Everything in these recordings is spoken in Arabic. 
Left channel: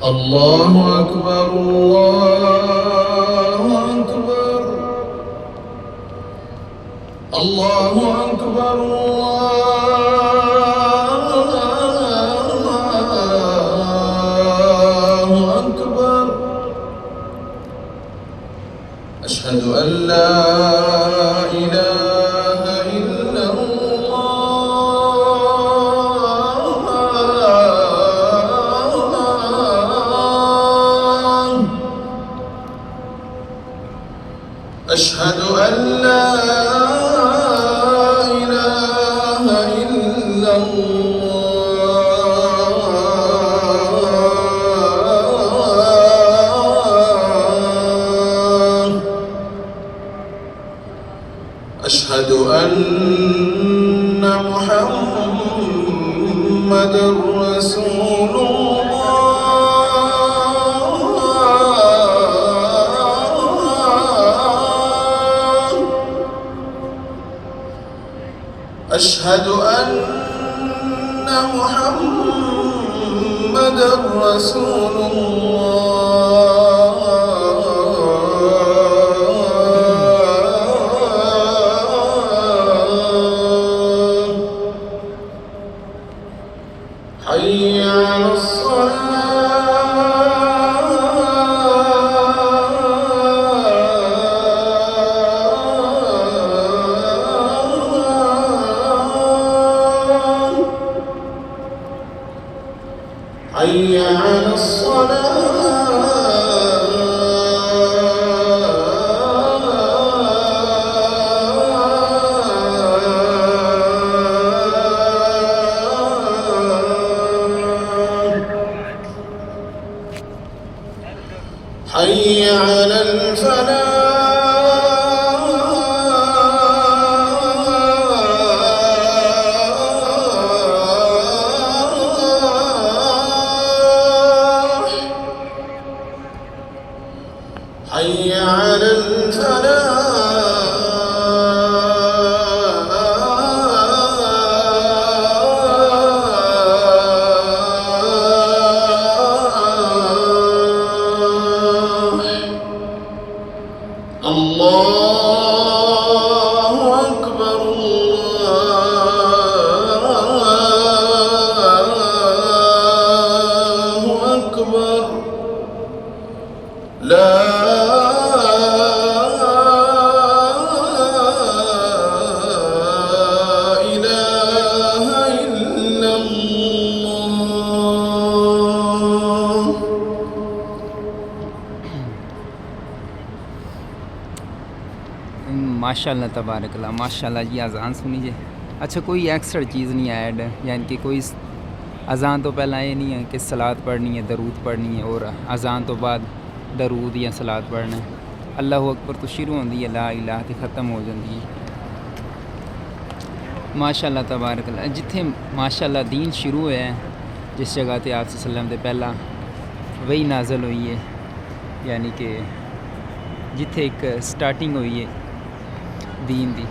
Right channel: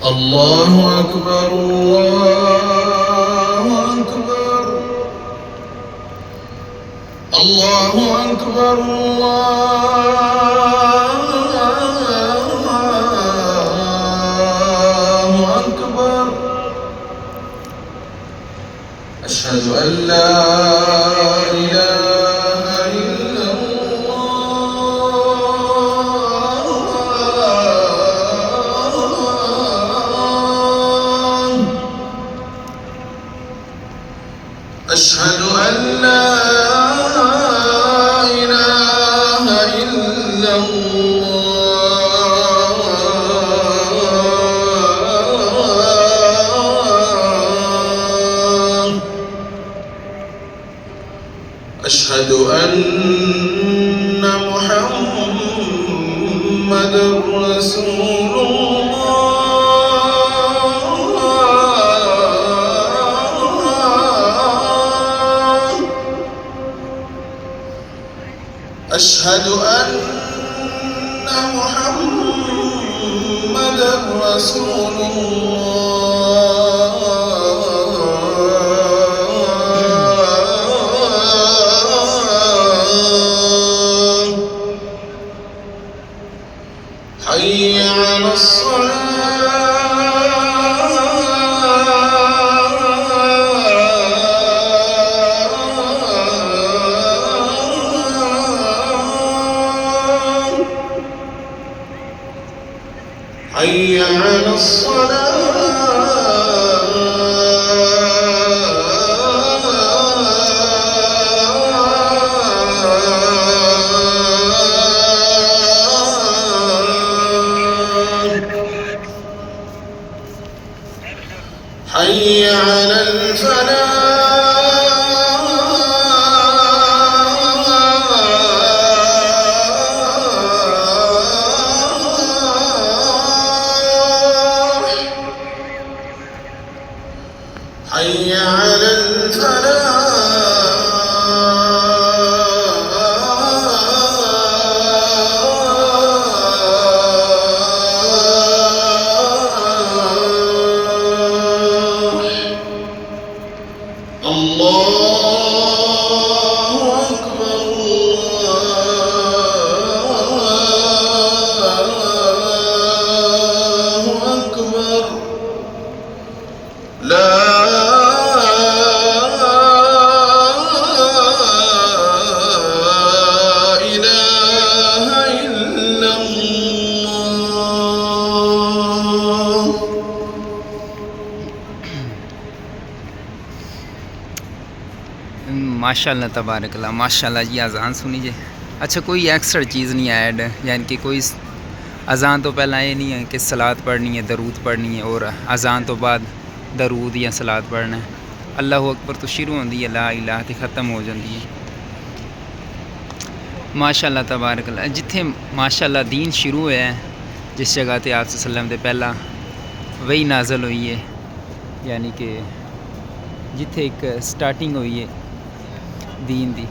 الله أكبر الله أكبر الله أكبر الله أكبر. أشهد أن لا إله إلا الله. أشهد أن لا إله إلا الله. أشهد أن محمدًا رسول الله. أشهد أن محمدًا رسول الله. حي على الصلاة. حي على الصلاة. حي على الفلاح. حي على الفلاح. الله أكبر الله أكبر. لا إله إلا الله. माशाल्लाह तबारकल्लाह माशाल्लाह जी। अज़ान सुनी जे। अच्छा कोई एक्स्ट्रा चीज़ नहीं ऐड, यानी कि कोई अज़ान तो पहला ये नहीं है कि सलात पढ़नी है, दरूद पढ़नी है, और अज़ान तो बाद दरूद या सलात पढ़ना है। अल्लाह अकबर तो शुरू होती है, ला इलाहा ते ख़त्म हो जाती है। माशाल्लाह तबारकल्लाह। जिथे माशाल्लाह दीन शुरू होया है, जिस जगह ते आप सल्लम दे पहला वही नाज़ल हुई है, यानी कि जिथे एक स्टार्टिंग हुई है दीन दी,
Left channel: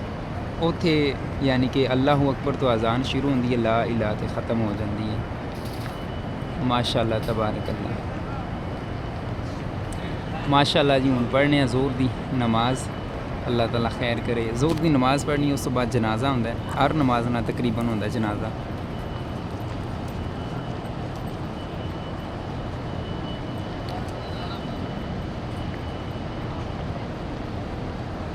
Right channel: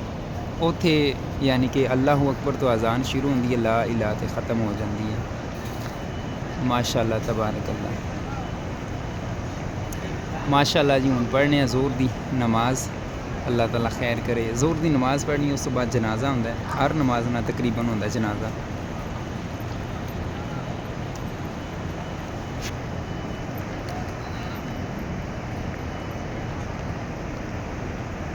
उथे यानी कि अल्लाह अकबर तो अज़ान शुरू होती है, ला इलाहा ते ख़त्म हो जाती है। माशाल्लाह तबारकल्लाह माशाल्लाह जी। हुण पढ़ने ज़ोर दी नमाज़, अल्लाह ताला खैर करे। ज़ोर दी नमाज़ पढ़नी, उस तो बाद जनाजा होंदा है। हर नमाज ना तकरीबन होंदा जनाजा।